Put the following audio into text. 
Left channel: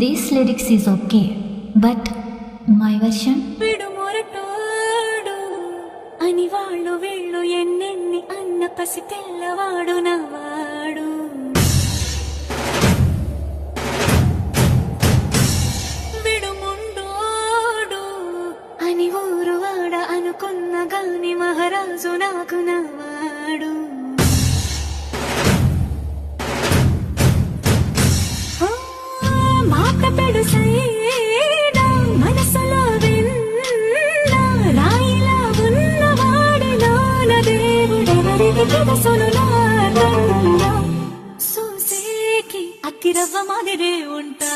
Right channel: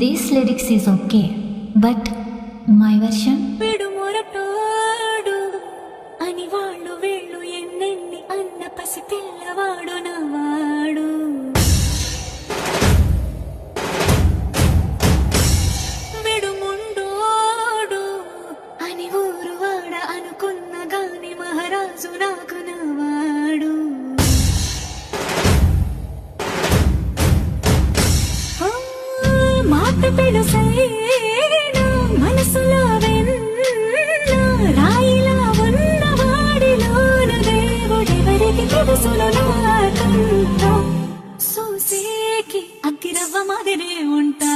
This lyrics is okay, but my version. విడుమొరటోడు అని వాళ్ళు వీళ్ళు ఎన్నెన్ని అన్న పసి పిల్లవాడు నవాడు. విడుముండోడు అని ఊరు వాడ అనుకున్న గాని మహారాజు నాకు నవాడు. మాట పెడుసైనా మనసులో వెన్న రాయిలా ఉన్నవాడిలోన దేవుడెవరికి తెలుసును నాకన్నా. సూసేకి అగ్గిరవ్వ మాదిరే ఉంటా.